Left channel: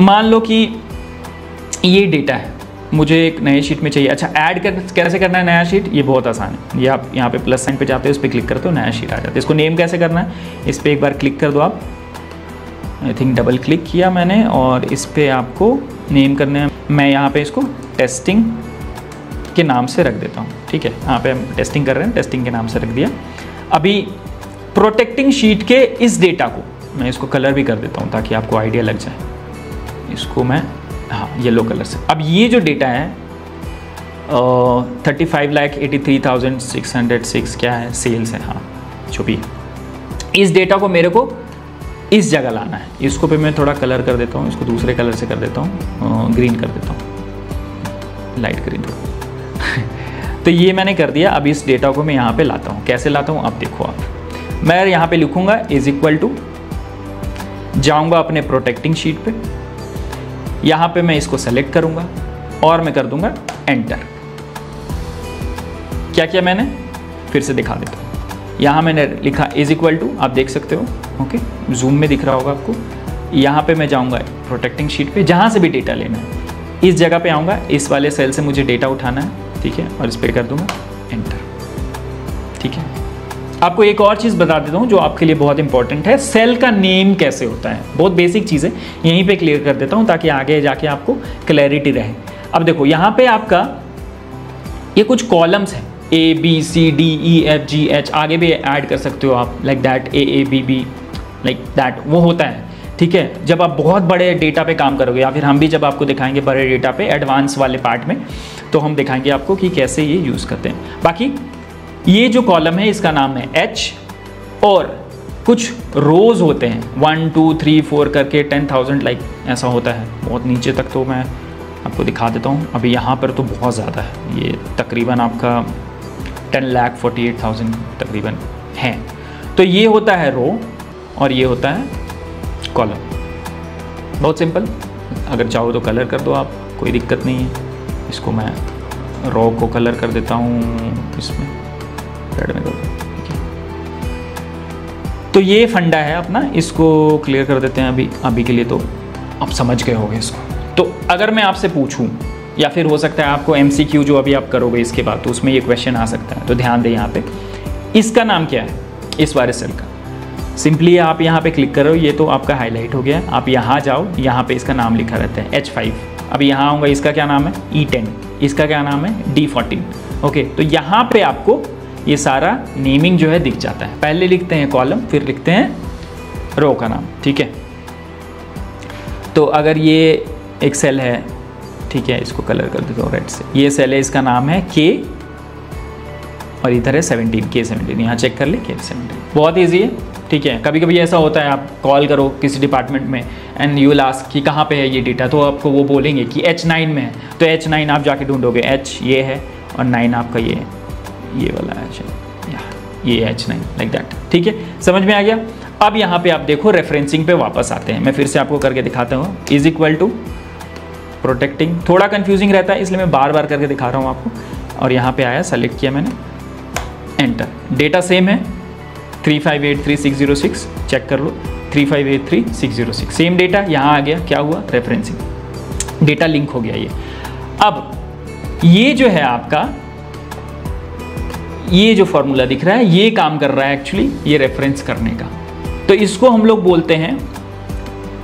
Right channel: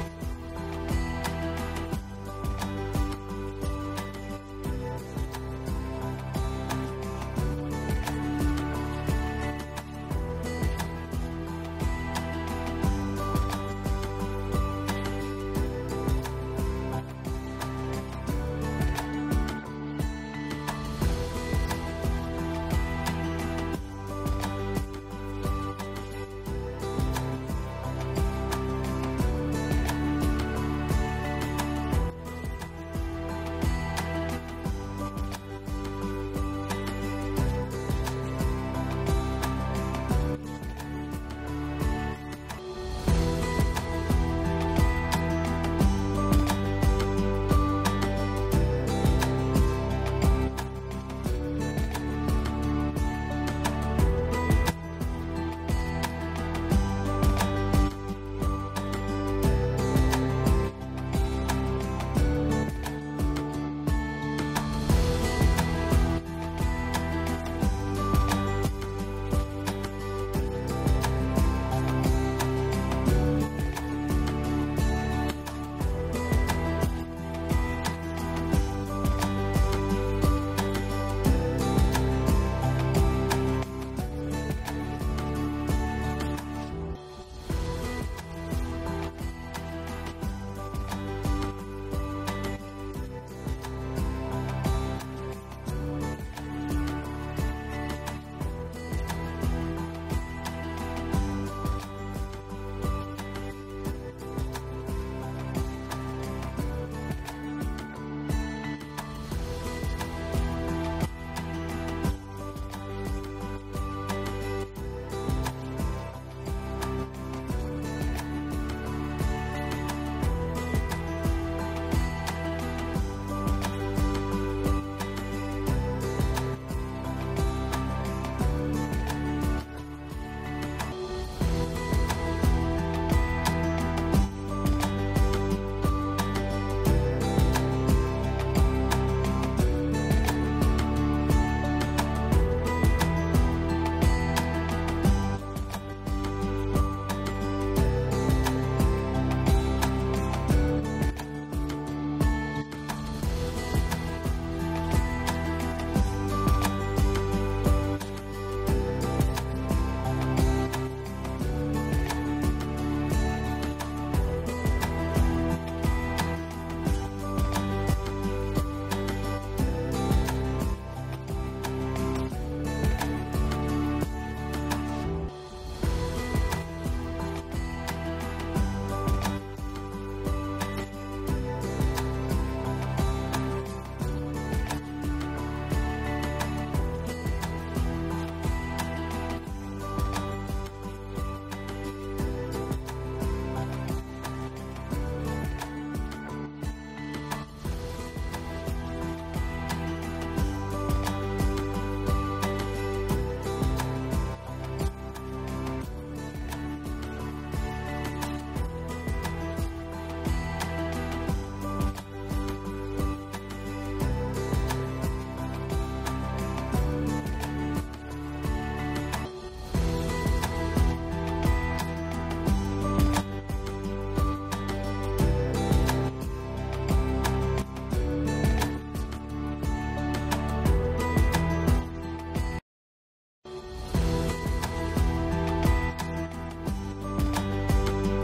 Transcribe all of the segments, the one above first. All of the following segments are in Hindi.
मान लो कि ये डेटा है, मुझे एक नए शीट में चाहिए। अच्छा, ऐड कैसे करना है नया शीट, ये बहुत आसान है। ये आप यहाँ पे प्लस साइन पे जाते हो, इस पर क्लिक करते हो, नया शीट आ जाता है। इसको नेम कैसे करना है, इस पर एक बार क्लिक कर दो आप, आई थिंक डबल क्लिक किया मैंने, और इस पर आपको नेम करना है। मैं यहाँ पे इसको टेस्टिंग के नाम से रख देता हूँ, ठीक है। यहाँ पे हम टेस्टिंग कर रहे हैं, टेस्टिंग के नाम से रख दिया। अभी प्रोटेक्टिंग शीट के इस डेटा को मैं इसको कलर भी कर देता हूँ ताकि आपको आइडिया लग जाए। इसको मैं येलो कलर से। अब ये जो डेटा है 35,83,606 क्या है, सेल्स है, हाँ जो भी। इस डेटा को मेरे को इस जगह लाना है। इसको पे मैं थोड़ा कलर कर देता हूँ, इसको दूसरे कलर से कर देता हूँ, ग्रीन कर देता हूँ, लाइट ग्रीन। तो ये मैंने कर दिया। अब इस डेटा को मैं यहाँ पे लाता हूँ। कैसे लाता हूँ आप देखो। आप मैं यहाँ पे लिखूंगा इज इक्वल टू, जाऊँगा अपने प्रोटेक्टिंग शीट पे, यहाँ पे मैं इसको सेलेक्ट करूँगा और मैं कर दूंगा एंटर। क्या किया मैंने, फिर से दिखा देता हूँ। यहाँ मैंने लिखा इज इक्वल टू, आप देख सकते हो, ओके, जूम में दिख रहा होगा आपको। यहाँ पे मैं जाऊँगा प्रोटेक्टिंग शीट पे, जहाँ से भी डेटा लेना है इस जगह पे आऊँगा, इस वाले सेल से मुझे डेटा उठाना है, ठीक है, और इस पर कर दूंगा एंटर, ठीक है। आपको एक और चीज़ बता देता हूँ जो आपके लिए बहुत इंपॉर्टेंट है, सेल का नेम कैसे होता है। बहुत बेसिक चीज़ है, यहीं पे क्लियर कर देता हूँ ताकि आगे जाके आपको क्लैरिटी रहे। अब देखो यहाँ पे आपका ये कुछ कॉलम्स हैं, A B C D E F G H, आगे भी ऐड कर सकते हो आप, like that A A B B like that, वो होता है, ठीक है। जब आप बहुत बड़े डेटा पे काम करोगे, या फिर हम भी जब आपको दिखाएंगे बड़े डेटा पे एडवांस वाले पार्ट में, तो हम दिखाएंगे आपको कि कैसे ये यूज़ करते हैं। बाकी ये जो कॉलम है इसका नाम है H, और कुछ रोज़ होते हैं 1 2 3 4 करके 10,000 लाइक ऐसा होता है। बहुत नीचे तक तो मैं आपको दिखा देता हूँ। अभी यहाँ पर तो बहुत ज़्यादा है, ये तकरीबन आपका 10,48,000 तकरीबन है। तो ये होता है रो और ये होता है कॉलम। बहुत सिंपल, अगर चाहो तो कलर कर दो आप, कोई दिक्कत नहीं है। इसको मैं रो को कलर कर देता हूँ, इसमें रेड में दो। तो ये फंडा है अपना, इसको क्लियर कर देते हैं अभी के लिए। तो आप समझ गए होंगे इसको। तो अगर मैं आपसे पूछूं, या फिर हो सकता है आपको MCQ जो अभी आप करोगे इसके बाद, तो उसमें ये क्वेश्चन आ सकता है, तो ध्यान दें यहाँ पे। इसका नाम क्या है इस वाले सेल का, सिंपली आप यहाँ पे क्लिक करो, ये तो आपका हाईलाइट हो गया। आप यहाँ जाओ, यहाँ पे इसका नाम लिखा रहता है H5। अब यहाँ आऊँगा, इसका क्या नाम है E10, इसका क्या नाम है D14। ओके, तो यहाँ पे आपको ये सारा नेमिंग जो है दिख जाता है। पहले लिखते हैं कॉलम, फिर लिखते हैं रो का नाम, ठीक है। तो अगर ये एक सेल है, ठीक है, इसको कलर कर देता हूँ रेड से। ये सेल है, इसका नाम है K, और इधर है 17, K17। यहाँ चेक कर ले, K17। बहुत ईजी है, ठीक है। कभी कभी ऐसा होता है, आप कॉल करो किसी डिपार्टमेंट में एंड यू विल आस्क कि कहाँ पे है ये डेटा, तो आपको वो बोलेंगे कि H9 में है। तो H9 आप जाके ढूंढोगे, H ये है और 9 आपका ये वाला है, ये H9 लाइक दैट, ठीक है। समझ में आ गया। अब यहाँ पे आप देखो रेफरेंसिंग पे वापस आते हैं। मैं फिर से आपको करके दिखाता हूँ। इज इक्वल टू प्रोटेक्टिंग, थोड़ा कंफ्यूजिंग रहता है इसलिए मैं बार बार करके दिखा रहा हूँ आपको। और यहाँ पे आया, सेलेक्ट किया मैंने, एंटर। डेटा सेम है 3583,606, चेक कर लो 3583,606, सेम डेटा यहाँ आ गया। क्या हुआ, रेफरेंसिंग, डेटा लिंक हो गया ये। अब ये जो है आपका, ये जो फॉर्मूला दिख रहा है ये काम कर रहा है एक्चुअली ये रेफरेंस करने का। तो इसको हम लोग बोलते हैं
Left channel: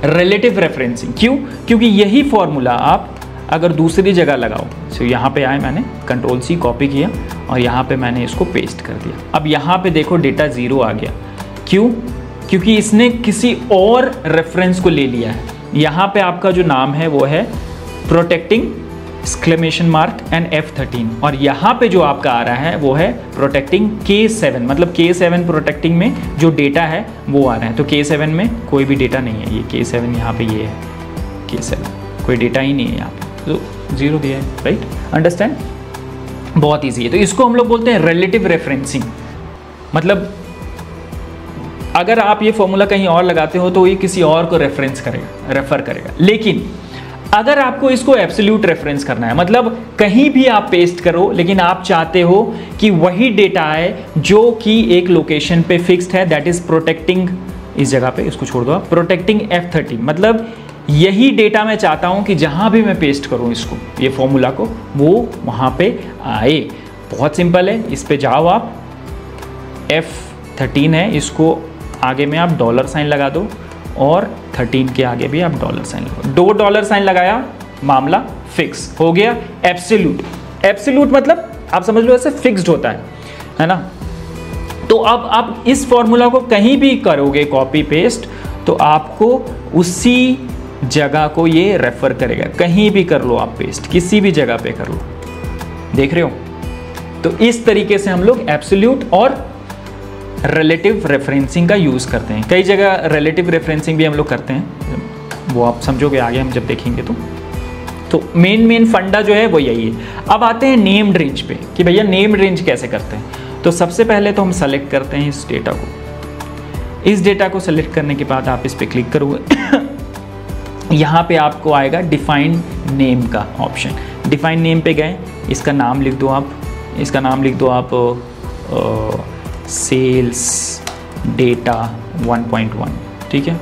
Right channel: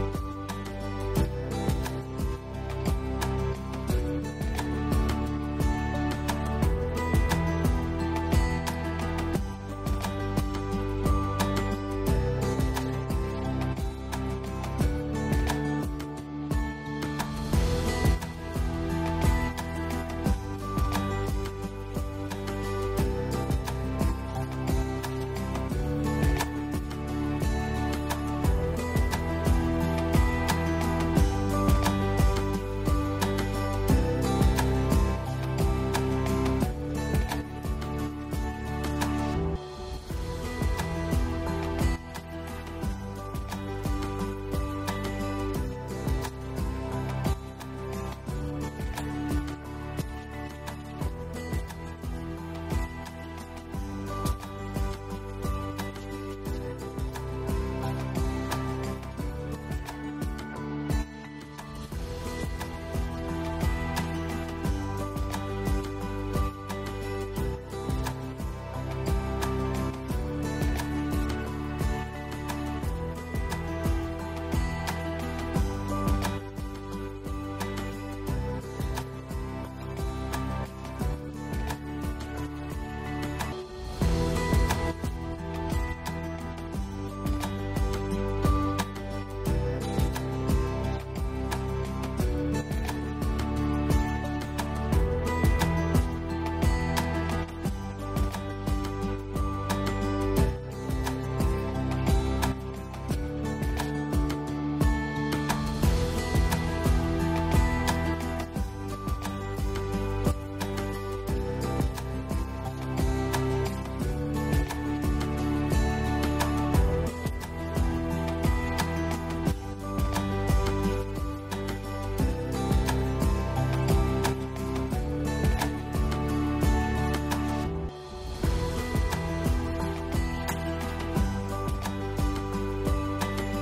रिलेटिव रेफरेंसिंग। क्यों, क्योंकि यही फॉर्मूला आप अगर दूसरी जगह लगाओ, तो यहाँ पे आए, मैंने Ctrl+C कॉपी किया और यहाँ पे मैंने इसको पेस्ट कर दिया। अब यहाँ पे देखो डेटा 0 आ गया। क्यों, क्योंकि इसने किसी और रेफरेंस को ले लिया है। यहाँ पे आपका जो नाम है वो है प्रोटेक्टिंग एंड F13, और यहाँ पे जो आपका आ रहा है वो है प्रोटेक्टिंग K7, मतलब K7 प्रोटेक्टिंग में जो डेटा है वो आ रहा है। तो K7 में कोई भी डेटा नहीं है, ये K7 यहाँ पे ये है K7, कोई डेटा ही नहीं है यहाँ पे, तो 0 दिया है, राइट, अंडरस्टैंड। बहुत ईजी है। तो इसको हम लोग बोलते हैं रिलेटिव रेफरेंसिंग। मतलब अगर आप ये फॉर्मूला कहीं और लगाते हो तो ये किसी और को रेफरेंस करेगा, रेफर करेगा। लेकिन अगर आपको इसको एब्सोल्यूट रेफरेंस करना है, मतलब कहीं भी आप पेस्ट करो लेकिन आप चाहते हो कि वही डेटा आए जो कि एक लोकेशन पे फिक्स्ड है, दैट इज प्रोटेक्टिंग, इस जगह पे इसको छोड़ दो आप, प्रोटेक्टिंग F13, मतलब यही डेटा मैं चाहता हूं कि जहां भी मैं पेस्ट करूं इसको, ये फॉर्मूला को, वो वहां पे आए। बहुत सिंपल है, इस पे जाओ आप, F13 है, इसको आगे में आप डॉलर साइन लगा दो और 13 के आगे भी आप डॉलर साइन लगा दो। $, लगाया, मामला फिक्स हो गया। एब्सोल्यूट, एब्सोल्यूट मतलब आप समझ लो ऐसे फिक्स्ड होता है ना। तो अब आप इस फॉर्मूला को कहीं भी करोगे कॉपी पेस्ट तो आपको उसी जगह को ये रेफर करेगा। कहीं भी कर लो आप पेस्ट, किसी भी जगह पे कर लो, देख रहे हो। तो इस तरीके से हम लोग एब्सोल्यूट और रिलेटिव रेफरेंसिंग का यूज करते हैं। कई जगह रिलेटिव रेफरेंसिंग भी हम लोग करते हैं, वो आप समझोगे आगे हम जब देखेंगे। तो मेन फंडा जो है वो यही है। अब आते हैं नेम्ड रेंज पे कि भैया नेम्ड रेंज कैसे करते हैं। तो सबसे पहले तो हम सेलेक्ट करते हैं इस डेटा को। इस डेटा को सेलेक्ट करने के बाद आप इस पर क्लिक करोगे, यहाँ पे आपको आएगा डिफाइन नेम का ऑप्शन। डिफाइन नेम पे गए, इसका नाम लिख दो आप, इसका नाम लिख दो आप सेल्स डेटा 1.1, ठीक है।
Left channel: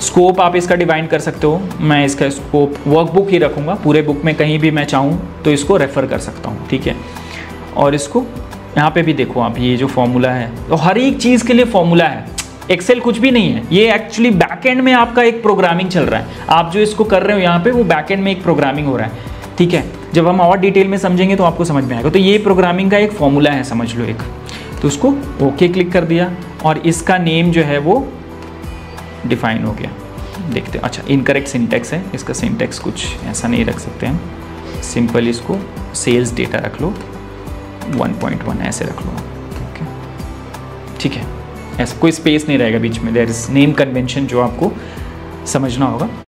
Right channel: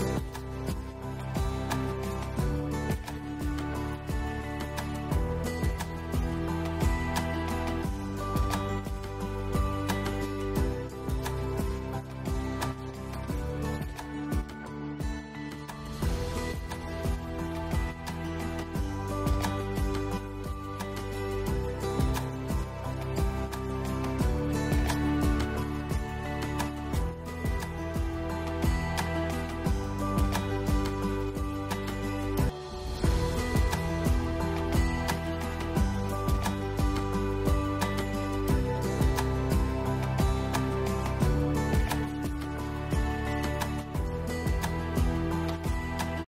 स्कोप आप इसका डिवाइन कर सकते हो, मैं इसका स्कोप वर्कबुक ही रखूँगा, पूरे बुक में कहीं भी मैं चाहूँ तो इसको रेफ़र कर सकता हूँ, ठीक है। और इसको यहाँ पे भी देखो आप, ये जो फॉर्मूला है, तो हर एक चीज़ के लिए फॉर्मूला है। एक्सेल कुछ भी नहीं है, ये एक्चुअली बैकएंड में आपका एक प्रोग्रामिंग चल रहा है। आप जो इसको कर रहे हो यहाँ पे, वो बैकएंड में एक प्रोग्रामिंग हो रहा है, ठीक है। जब हम और डिटेल में समझेंगे तो आपको समझ में आएगा। तो ये प्रोग्रामिंग का एक फॉर्मूला है, समझ लो एक। तो उसको ओके क्लिक कर दिया और इसका नेम जो है वो डिफाइन हो गया। देखते हैं, अच्छा इनकरेक्ट सिंटैक्स है, इसका सिंटैक्स कुछ ऐसा नहीं रख सकते हैं, सिंपल इसको सेल्स डेटा रख लो 1.1 ऐसे रख लो, ठीक है। ऐसा कोई स्पेस नहीं रहेगा बीच में, देयर इज नेम कन्वेंशन जो आपको समझना होगा।